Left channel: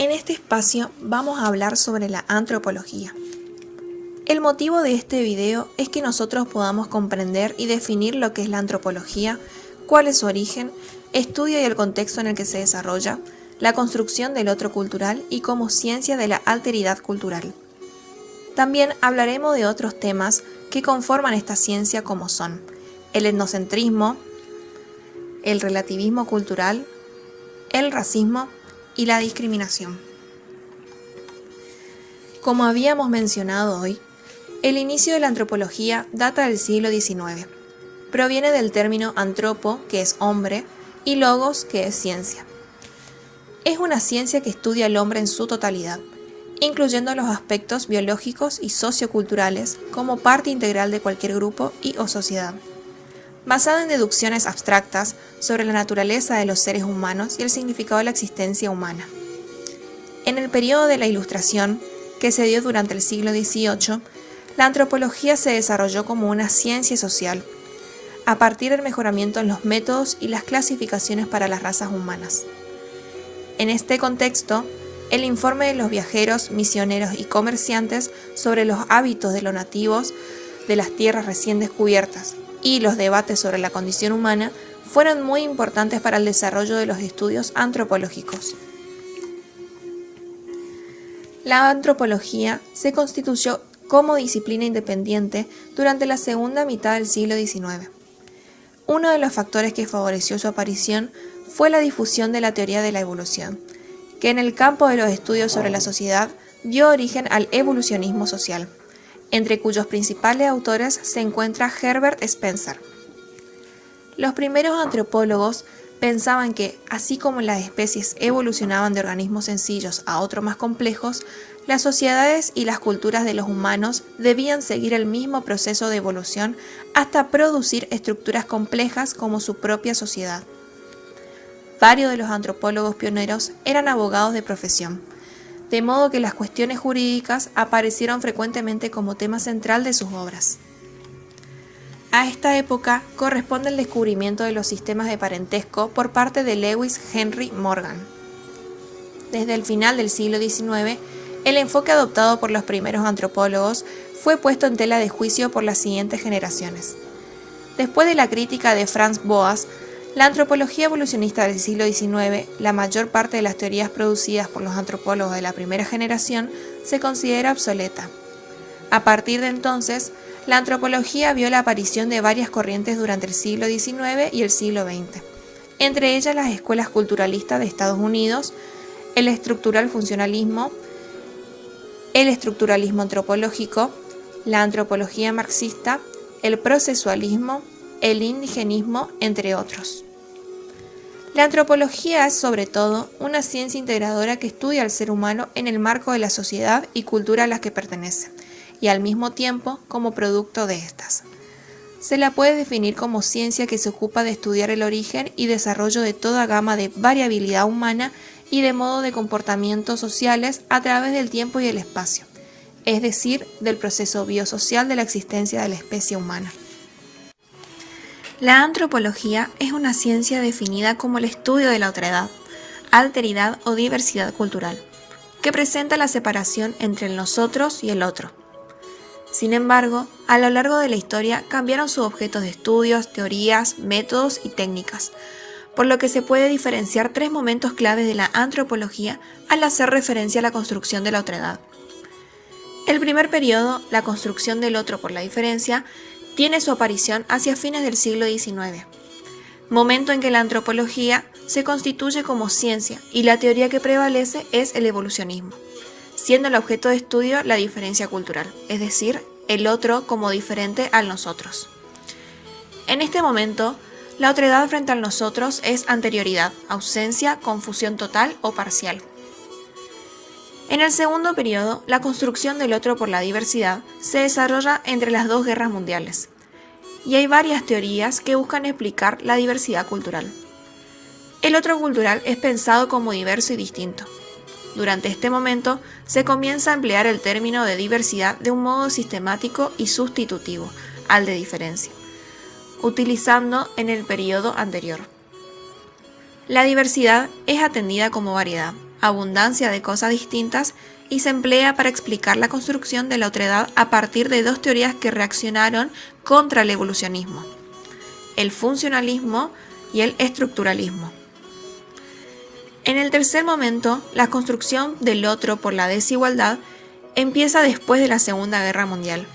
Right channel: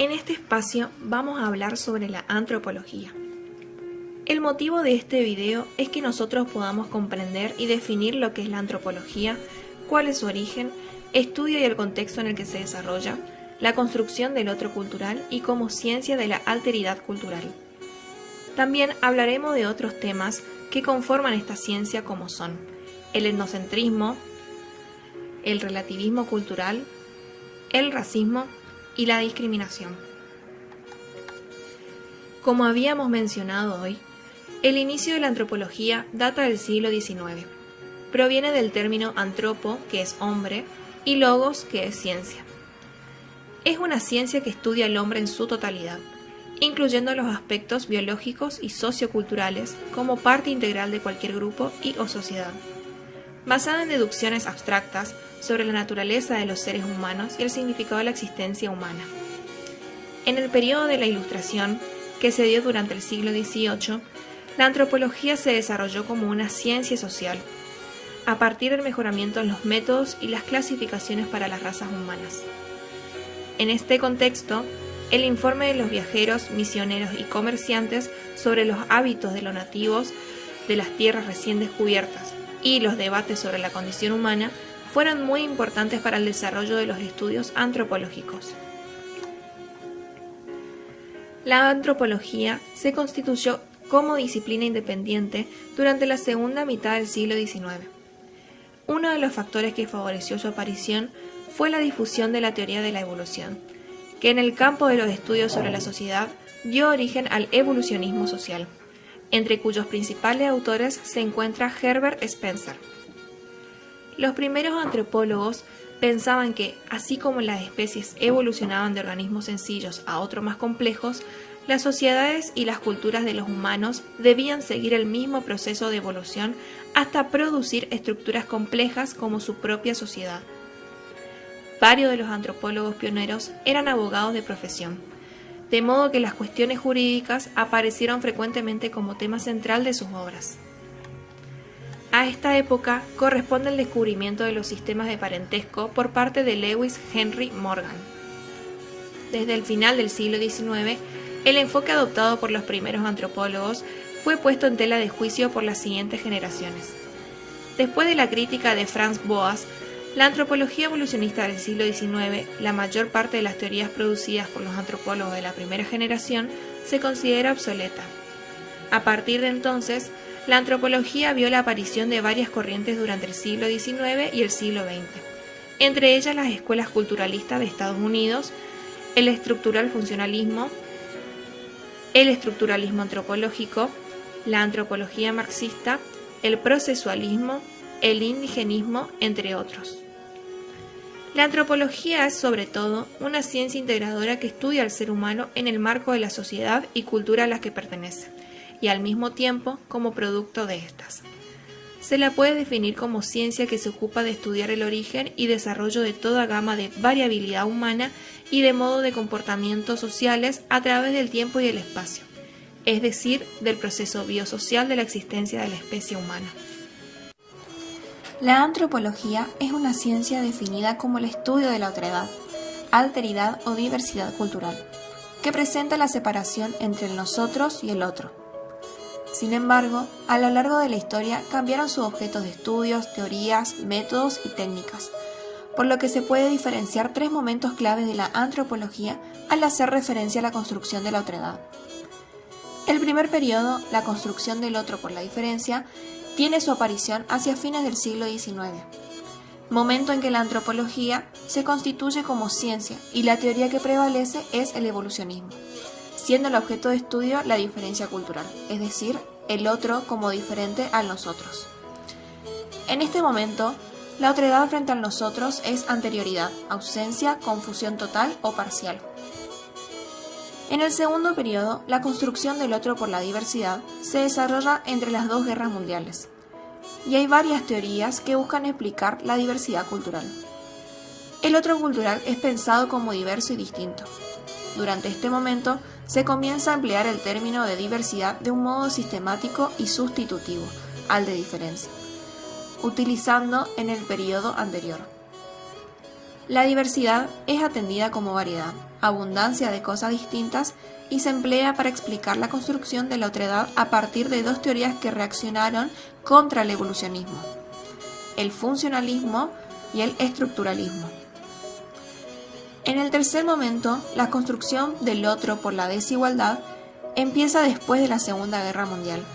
En este espacio vamos a hablar sobre la antropología. El motivo de este video es que nosotros podamos comprender y definir lo que es la antropología, cuál es su origen, estudio y el contexto en el que se desarrolla, la construcción del otro cultural y como ciencia de la alteridad cultural. También hablaremos de otros temas que conforman esta ciencia como son el etnocentrismo, el relativismo cultural, el racismo y la discriminación. Como habíamos mencionado hoy, el inicio de la antropología data del siglo XIX. Proviene del término antropo, que es hombre, y logos, que es ciencia. Es una ciencia que estudia al hombre en su totalidad, incluyendo los aspectos biológicos y socioculturales como parte integral de cualquier grupo y o sociedad. Basada en deducciones abstractas sobre la naturaleza de los seres humanos y el significado de la existencia humana. En el periodo de la Ilustración, que se dio durante el siglo XVIII, la antropología se desarrolló como una ciencia social, a partir del mejoramiento en los métodos y las clasificaciones para las razas humanas. En este contexto, el informe de los viajeros, misioneros y comerciantes sobre los hábitos de los nativos de las tierras recién descubiertas y los debates sobre la condición humana fueron muy importantes para el desarrollo de los estudios antropológicos. La antropología se constituyó como disciplina independiente durante la segunda mitad del siglo XIX. Uno de los factores que favoreció su aparición fue la difusión de la teoría de la evolución, que en el campo de los estudios sobre la sociedad dio origen al evolucionismo social, entre cuyos principales autores se encuentra Herbert Spencer. Los primeros antropólogos pensaban que, así como las especies evolucionaban de organismos sencillos a otros más complejos, las sociedades y las culturas de los humanos debían seguir el mismo proceso de evolución hasta producir estructuras complejas como su propia sociedad. Varios de los antropólogos pioneros eran abogados de profesión, de modo que las cuestiones jurídicas aparecieron frecuentemente como tema central de sus obras. A esta época corresponde el descubrimiento de los sistemas de parentesco por parte de Lewis Henry Morgan. Desde el final del siglo XIX, el enfoque adoptado por los primeros antropólogos fue puesto en tela de juicio por las siguientes generaciones. Después de la crítica de Franz Boas, la antropología evolucionista del siglo XIX, la mayor parte de las teorías producidas por los antropólogos de la primera generación, se considera obsoleta. A partir de entonces, la antropología vio la aparición de varias corrientes durante el siglo XIX y el siglo XX, entre ellas las escuelas culturalistas de Estados Unidos, el estructural funcionalismo, el estructuralismo antropológico, la antropología marxista, el procesualismo, el indigenismo, entre otros. La antropología es, sobre todo, una ciencia integradora que estudia al ser humano en el marco de la sociedad y cultura a la que pertenece, y al mismo tiempo como producto de estas. Se la puede definir como ciencia que se ocupa de estudiar el origen y desarrollo de toda gama de variabilidad humana y de modo de comportamientos sociales a través del tiempo y el espacio, es decir, del proceso biosocial de la existencia de la especie humana. La antropología es una ciencia definida como el estudio de la otredad, alteridad o diversidad cultural, que presenta la separación entre el nosotros y el otro. Sin embargo, a lo largo de la historia cambiaron sus objetos de estudios, teorías, métodos y técnicas, por lo que se puede diferenciar tres momentos claves de la antropología al hacer referencia a la construcción de la otredad. El primer periodo, la construcción del otro por la diferencia, tiene su aparición hacia fines del siglo XIX, momento en que la antropología se constituye como ciencia y la teoría que prevalece es el evolucionismo, siendo el objeto de estudio la diferencia cultural, es decir, el otro como diferente al nosotros. En este momento, la otredad frente al nosotros es anterioridad, ausencia, confusión total o parcial. En el segundo periodo, la construcción del otro por la diversidad se desarrolla entre las dos guerras mundiales, y hay varias teorías que buscan explicar la diversidad cultural. El otro cultural es pensado como diverso y distinto. Durante este momento, se comienza a emplear el término de diversidad de un modo sistemático y sustitutivo al de diferencia, utilizando en el periodo anterior. La diversidad es atendida como variedad, abundancia de cosas distintas y se emplea para explicar la construcción de la otredad a partir de dos teorías que reaccionaron contra el evolucionismo: el funcionalismo y el estructuralismo. En el tercer momento, la construcción del otro por la desigualdad empieza después de la Segunda Guerra Mundial.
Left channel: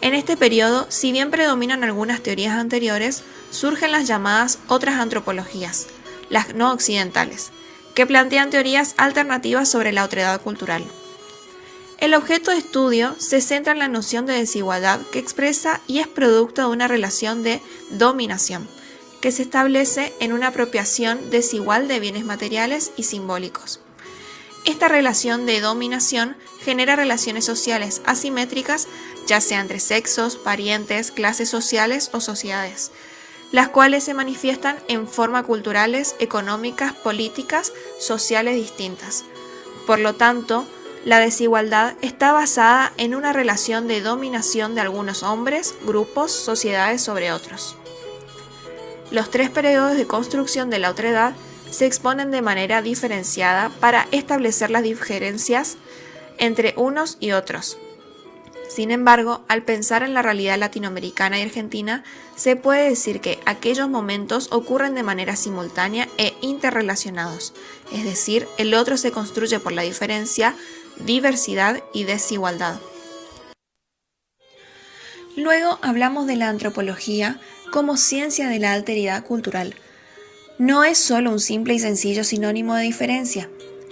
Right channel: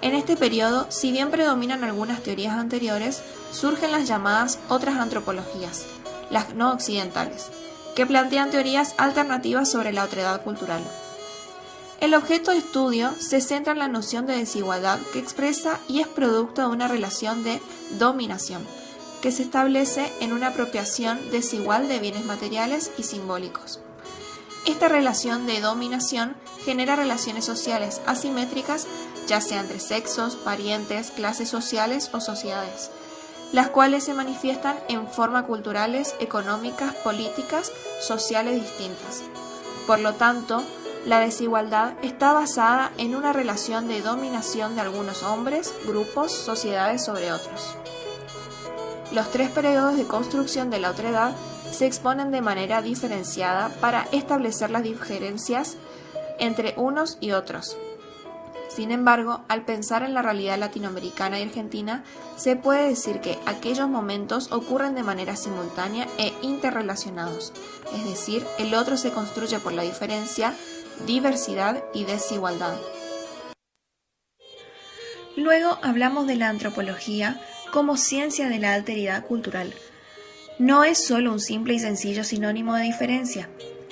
En este periodo, si bien predominan algunas teorías anteriores, surgen las llamadas otras antropologías, las no occidentales, que plantean teorías alternativas sobre la otredad cultural. El objeto de estudio se centra en la noción de desigualdad que expresa y es producto de una relación de dominación, que se establece en una apropiación desigual de bienes materiales y simbólicos. Esta relación de dominación genera relaciones sociales asimétricas, ya sea entre sexos, parientes, clases sociales o sociedades, las cuales se manifiestan en formas culturales, económicas, políticas, sociales distintas. Por lo tanto, la desigualdad está basada en una relación de dominación de algunos hombres, grupos, sociedades sobre otros. Los tres periodos de construcción de la otredad se exponen de manera diferenciada para establecer las diferencias entre unos y otros. Sin embargo, al pensar en la realidad latinoamericana y argentina, se puede decir que aquellos momentos ocurren de manera simultánea e interrelacionados, es decir, el otro se construye por la diferencia, diversidad y desigualdad. Luego hablamos de la antropología como ciencia de la alteridad cultural. No es solo un simple y sencillo sinónimo de diferencia,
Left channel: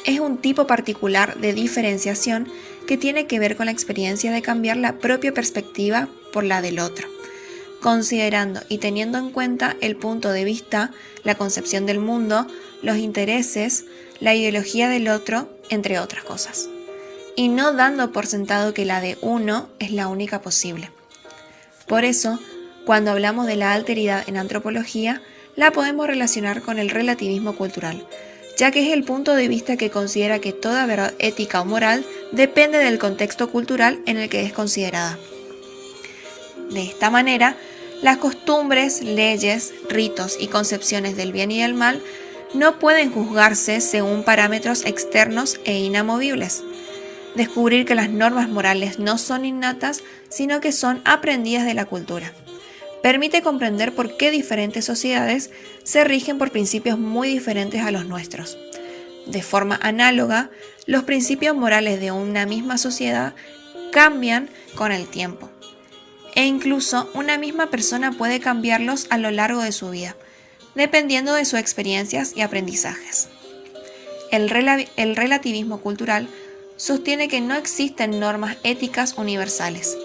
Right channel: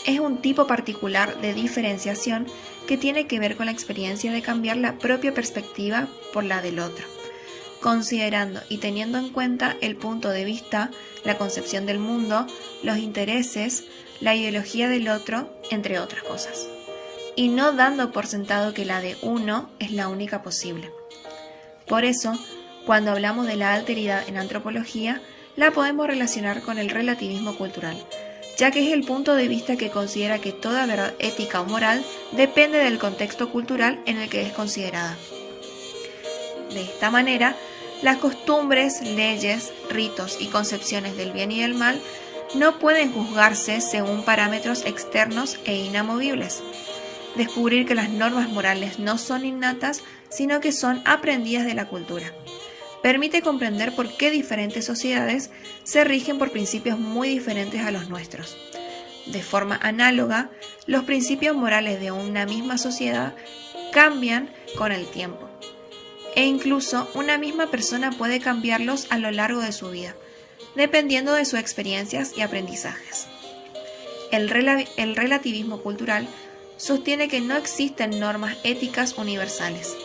es un tipo particular de diferenciación que tiene que ver con la experiencia de cambiar la propia perspectiva por la del otro, considerando y teniendo en cuenta el punto de vista, la concepción del mundo, los intereses, la ideología del otro, entre otras cosas, y no dando por sentado que la de uno es la única posible. Por eso, cuando hablamos de la alteridad en antropología, la podemos relacionar con el relativismo cultural, ya que es el punto de vista que considera que toda verdad ética o moral depende del contexto cultural en el que es considerada. De esta manera, las costumbres, leyes, ritos y concepciones del bien y del mal no pueden juzgarse según parámetros externos e inamovibles. Descubrir que las normas morales no son innatas, sino que son aprendidas de la cultura. Permite comprender por qué diferentes sociedades se rigen por principios muy diferentes a los nuestros. De forma análoga, los principios morales de una misma sociedad cambian con el tiempo, e incluso una misma persona puede cambiarlos a lo largo de su vida, dependiendo de sus experiencias y aprendizajes. El relativismo cultural sostiene que no existen normas éticas universales.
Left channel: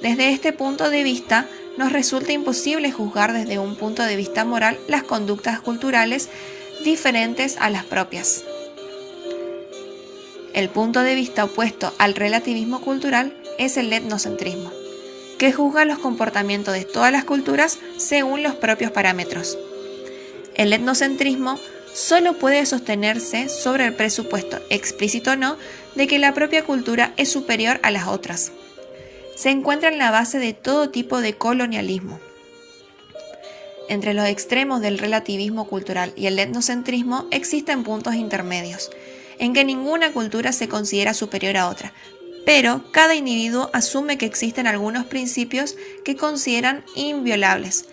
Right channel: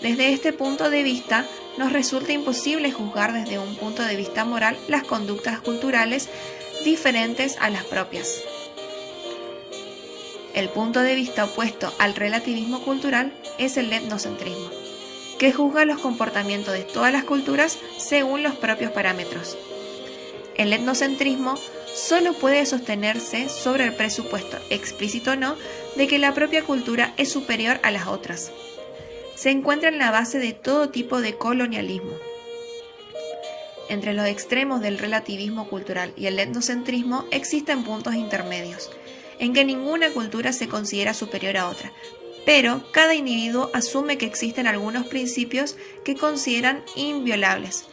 Desde este punto de vista, nos resulta imposible juzgar desde un punto de vista moral las conductas culturales diferentes a las propias. El punto de vista opuesto al relativismo cultural es el etnocentrismo, que juzga los comportamientos de todas las culturas según los propios parámetros. El etnocentrismo solo puede sostenerse sobre el presupuesto, explícito o no, de que la propia cultura es superior a las otras. Se encuentra en la base de todo tipo de colonialismo. Entre los extremos del relativismo cultural y el etnocentrismo existen puntos intermedios, en que ninguna cultura se considera superior a otra, pero cada individuo asume que existen algunos principios que consideran inviolables,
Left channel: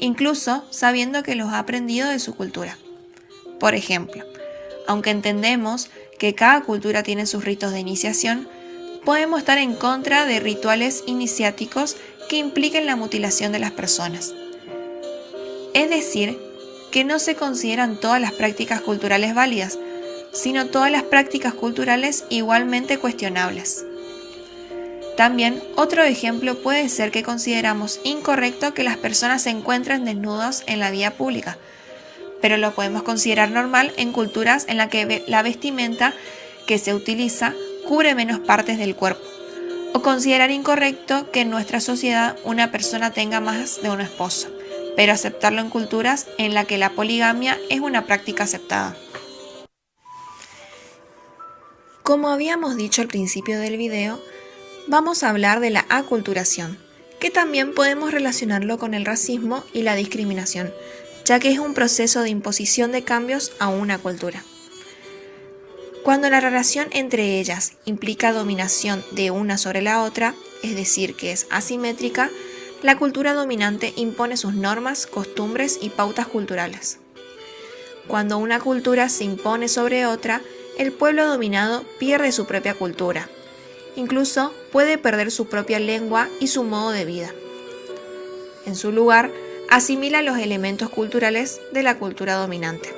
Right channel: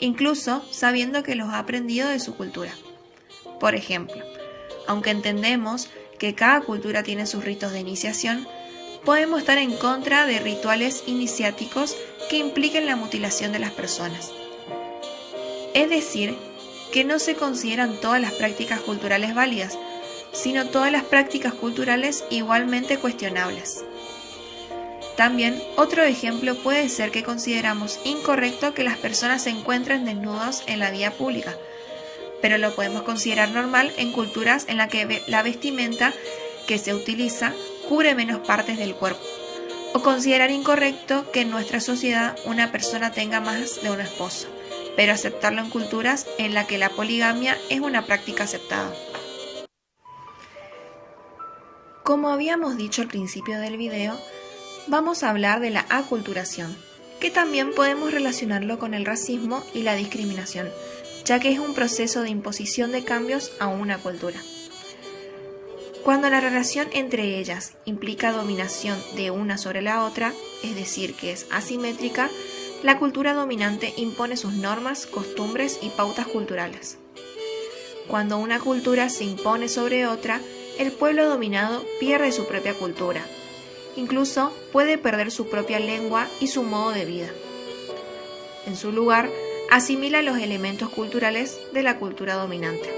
incluso sabiendo que los ha aprendido de su cultura. Por ejemplo, aunque entendemos que cada cultura tiene sus ritos de iniciación, podemos estar en contra de rituales iniciáticos que impliquen la mutilación de las personas. Es decir, que no se consideran todas las prácticas culturales válidas, sino todas las prácticas culturales igualmente cuestionables. También, otro ejemplo puede ser que consideramos incorrecto que las personas se encuentren desnudos en la vía pública, pero lo podemos considerar normal en culturas en las que la vestimenta que se utiliza cubre menos partes del cuerpo, o considerar incorrecto que en nuestra sociedad una persona tenga más de un esposo, pero aceptarlo en culturas en las que la poligamia es una práctica aceptada. Como habíamos dicho al principio del video, vamos a hablar de la aculturación, que también podemos relacionarlo con el racismo y la discriminación, ya que es un proceso de imposición de cambios a una cultura. Cuando la relación entre ellas implica dominación de una sobre la otra, es decir, que es asimétrica, la cultura dominante impone sus normas, costumbres y pautas culturales. Cuando una cultura se impone sobre otra, el pueblo dominado pierde su propia cultura. Incluso puede perder su propia lengua y su modo de vida. En su lugar, asimila los elementos culturales de la cultura dominante.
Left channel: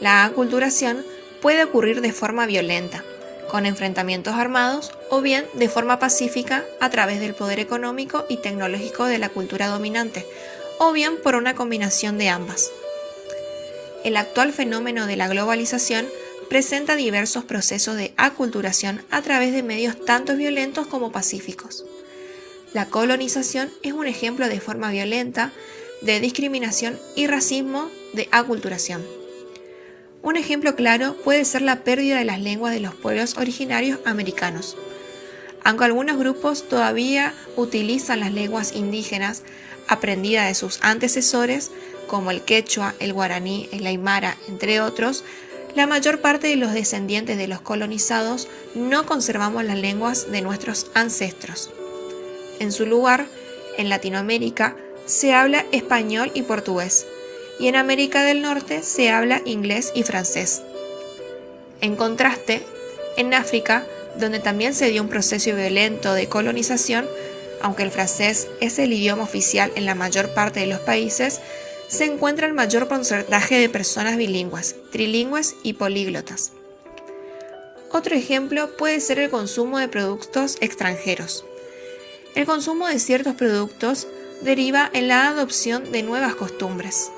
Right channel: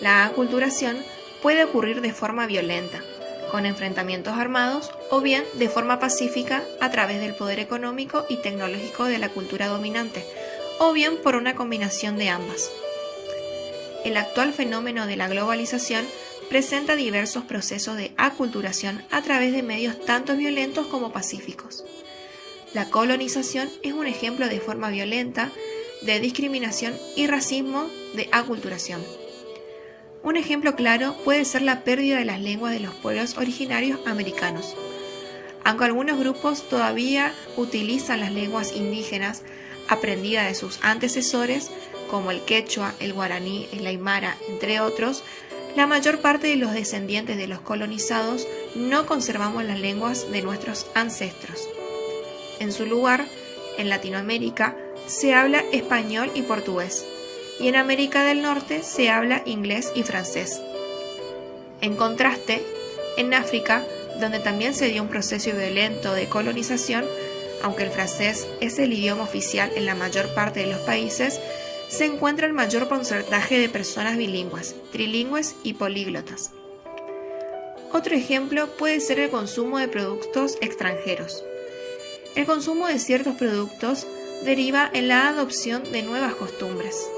La aculturación puede ocurrir de forma violenta, con enfrentamientos armados, o bien de forma pacífica a través del poder económico y tecnológico de la cultura dominante, o bien por una combinación de ambas. El actual fenómeno de la globalización presenta diversos procesos de aculturación a través de medios tanto violentos como pacíficos. La colonización es un ejemplo de forma violenta de discriminación y racismo de aculturación. Un ejemplo claro puede ser la pérdida de las lenguas de los pueblos originarios americanos. Aunque algunos grupos todavía utilizan las lenguas indígenas aprendidas de sus antecesores, como el quechua, el guaraní, el aymara, entre otros, la mayor parte de los descendientes de los colonizados no conservamos las lenguas de nuestros ancestros. En su lugar, en Latinoamérica, se habla español y portugués, y en América del Norte se habla inglés y francés. En contraste, en África, donde también se dio un proceso violento de colonización, aunque el francés es el idioma oficial en la mayor parte de los países, se encuentra el mayor porcentaje de personas bilingües, trilingües y políglotas. Otro ejemplo puede ser el consumo de productos extranjeros. El consumo de ciertos productos deriva en la adopción de nuevas costumbres.